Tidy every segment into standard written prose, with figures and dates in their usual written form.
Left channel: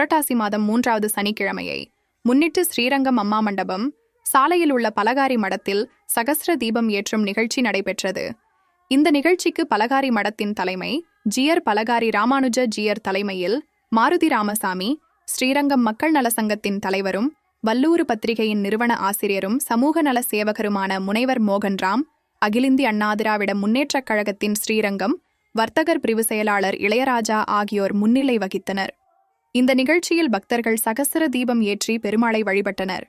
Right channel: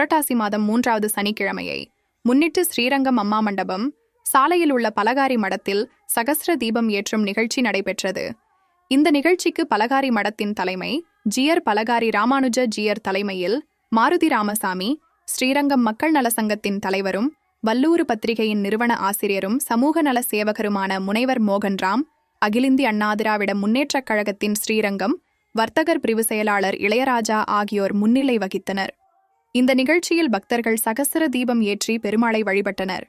புரட்டாசி மாதம் 3வது சனிக்கிழமையை முன்னிட்டு ஸ்ரீரங்கம் அம்மா மண்டபம் சாலையில் உள்ள பலகாரி மடத்தில் சகஸ்ர தீபம் ஏற்றும் நிகழ்ச்சி நடைபெற்றது. இந்த நிகழ்ச்சிக்கு பலகாரி மடத்தின் தலைமை ஜியர் பலகாரி ராமானுஜ ஜியர் தலைமையில் மாருதி ராமசாமி, ஸ்ரீரங்கம் மக்கள் நல சங்கத்தின் தலைவரும் வல்லூறு பத்திரிகையின் நிறுவன ஆசிரியரும் சமூக நல சேவகருமான முனைவர் மோகன்ராம், அகிலிந்திய அண்ணா திராவிட முன்னேற்றக் கழகத்தின் ஸ்ரீரங்கம் வர்த்தகர் பிரிவு செயலாளர் இளையராஜா ஆகியோர் முன்னிலை வகித்தனர். இந்த நிகழ்ச்சியில் பக்தர்கள் சகஸ்ர தீபம் ஏற்றி பெருமாளை வழிபட்டனர்.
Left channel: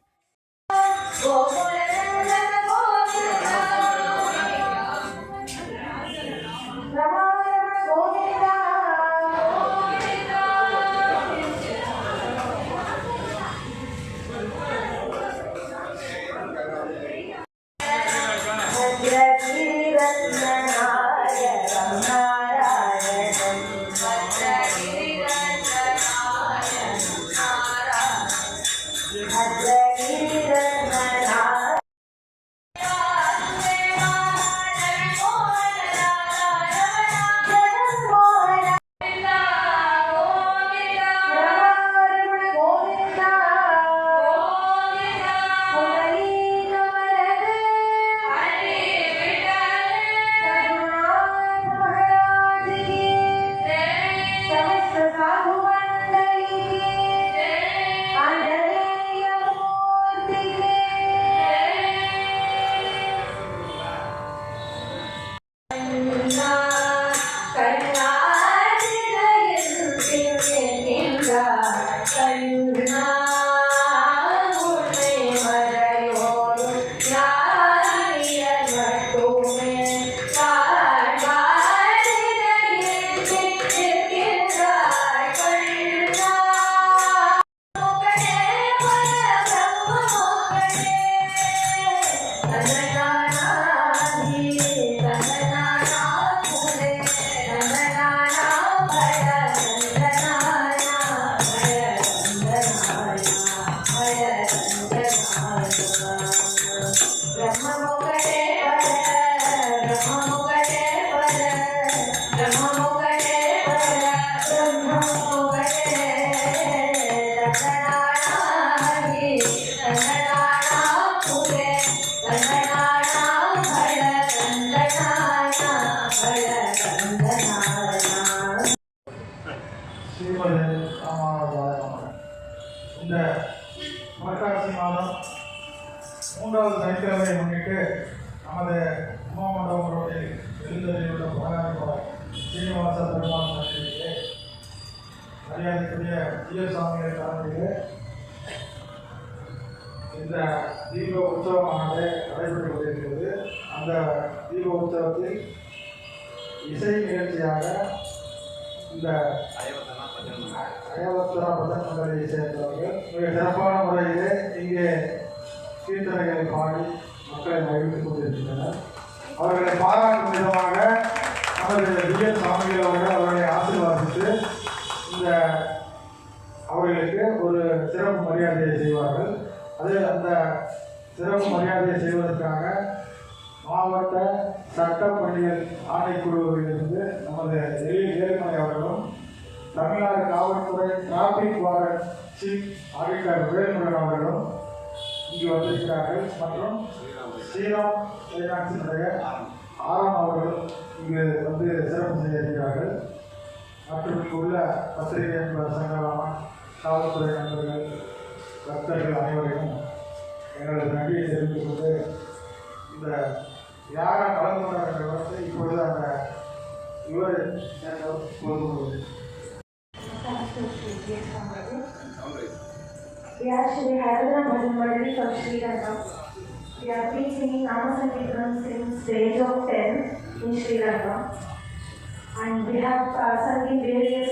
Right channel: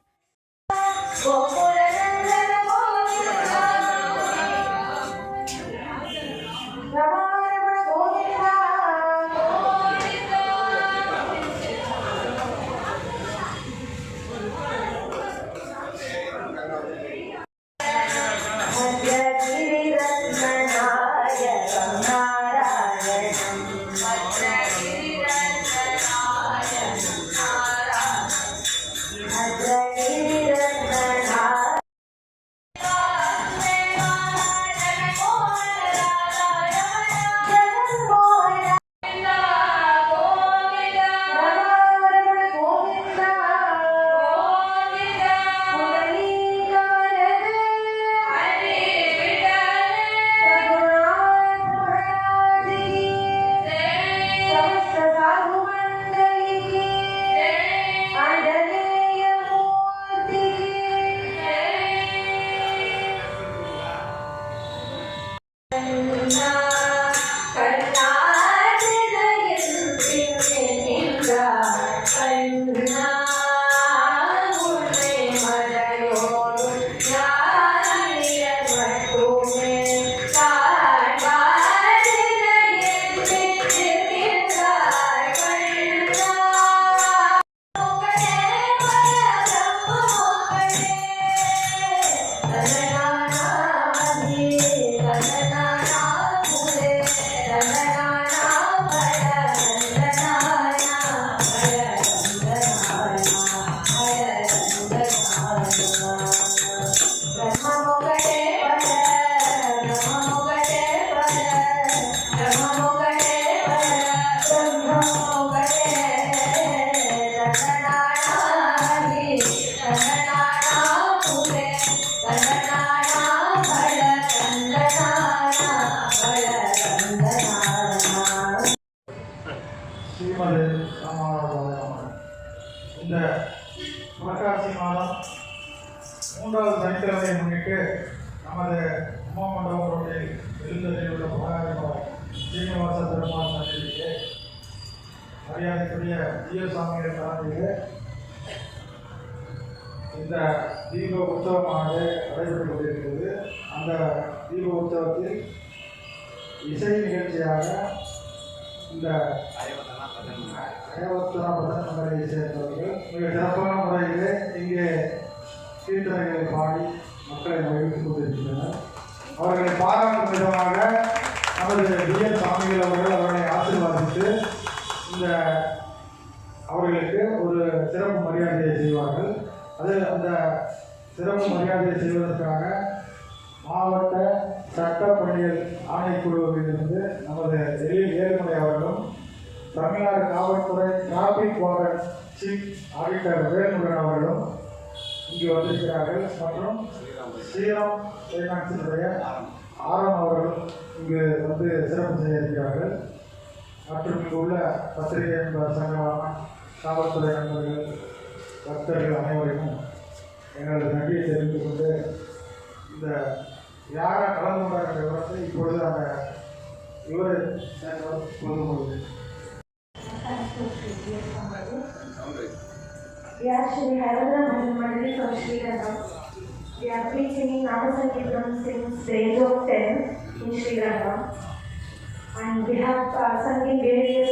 இந்த புரட்டாசி மாதம் 3வது சனிக்கிழமையை முன்னிட்டு நமது அம்மா மண்டபம் ரோட்டில் எழுந்தரில் உள்ள பலகாரி சீனிவாச பெருமாள் சன்னிதியிலே மரியாதைக்குரிய ஜியசாமிகள் தலைமையில் இந்த தீப உற்சவமானது நடைபெற்று கொண்டிருக்கிறது. அந்த தீப உற்சவத்தில் இசை நிகழ்ச்சியாக இந்த அயவத்தரா பதன் மண்டலியை சேர்ந்தவர்கள் மிக சிறப்பான முறையிலே இங்கே கீர்த்தனைகளை பாடி மக்களை மகிழ்ந்து கொண்டிருக்கின்றனர். அவர்களை பாராட்டும் விதமாக நமது ஜிஎஸ் சாமிகள் அவர்கள் அவர்களை ஆசீர்வாதித்து இந்த அவர்களுக்கு ஒரு சிறப்பு மரியாதையை செய்வார்கள். அந்த சிறப்பு மரியாதையை செய்வதற்காக மாவட்ட சட்டப்பணிகள் ஆணைக்குழுவிலிருந்து நமது ஏழுமலை அவர்களும், தமிழ்நாடு காவல்துறை traffic warden chief auditor Velmurugan அவர்களும் இங்கு வந்திருக்கிறார்கள். மற்றும் ஸ்ரீராம் ஃபைனான்ஸினுடைய ஆரம் அவர்கள் இங்கு வந்து சிறப்பு செய்ய இருக்கிறார்கள். மற்றும் இங்கு உள்ள பத்திரிகை நண்பர் சங்கமான காவல்துறை நண்பர்கள், பக்தர்கள் அனைவருக்கும் எங்களது நன்றியை தெரிவித்துக் கொண்டு இந்த யாரை கலந்து கொண்டாங்க விவரத்தை இப்பொழுது அந்த இவர் பொது We are Shri Haradra Bhajan Mandali from Sri Lanka. We have been singing Namasankirtan since the age of 10 in Sri Lanka. And we have sung in various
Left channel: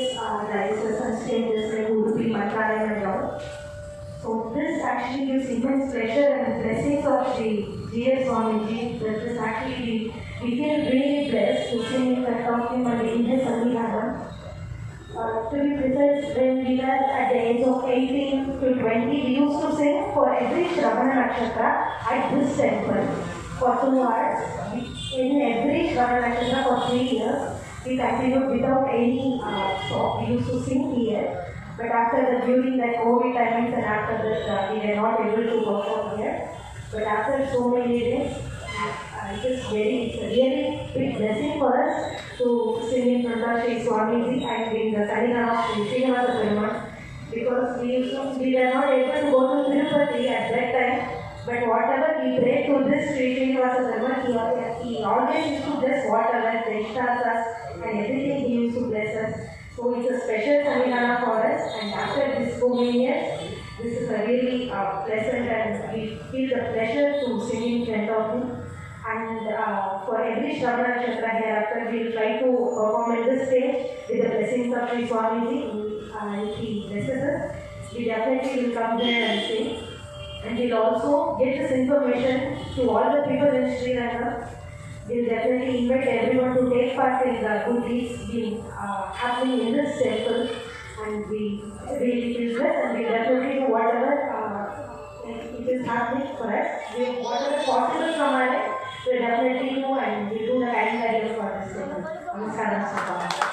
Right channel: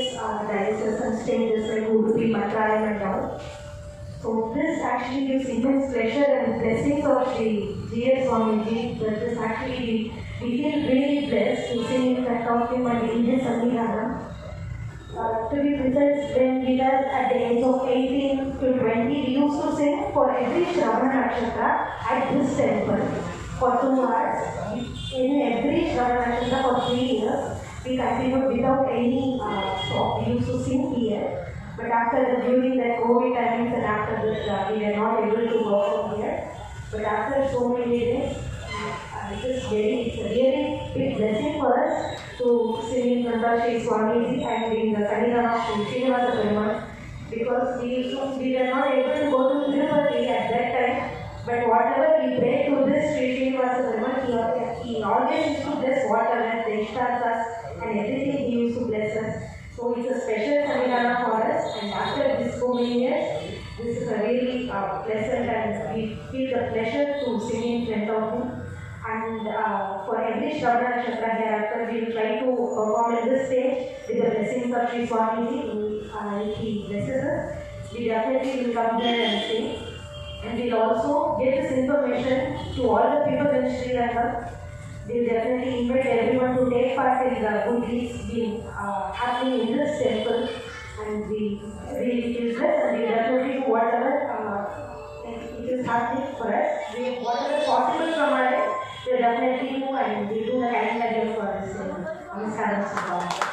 diocese and stages like Udupi, Mantralayam and all. So this actually gives immense pleasure and blessings of Sri G.S. Swamiji. That is actually, we feel really blessed to sing in front of him and in his Sannidhanam. To be precise, when we were at the age of 18 to 20, we used to sing for every Shravana Nakshatra at this temple for 2 hours. In every Shravana Nakshatra for 3 years, we continued without any stop. We used to sing here. But during the COVID times and after this, we were not able to work from here. But after so many days, it's a really big blessing for us to sing in front of Sri Swamiji and in the Kalingana of Sri Srinivasa Perumal, because we were not able to go to Tirupati at that time. But whatever we prayed to this Sri Srinivasa Perumal, he always used to bless whatever they start us and everything he used to bless us. So it's a special Kalingana for us, and after this so many years, this is a really pleasant, and we feel the pleasure to sing in front of him. And for every Shravana Nakshatra hereafter, we will try to perform at this stage with the blessings of Sri Swamiji. If he blesses us, we definitely will come there and sing. And we'll also get this information to all the people in Sri Lanka. We'll definitely invite everyone to take part in the good deeds being happening in this temple. And we really feel blessed, and we'll definitely do whatever it is happening for us. Whatever possible from our end, we'll definitely do, and we'll do the kind idea for this. Namaskaram.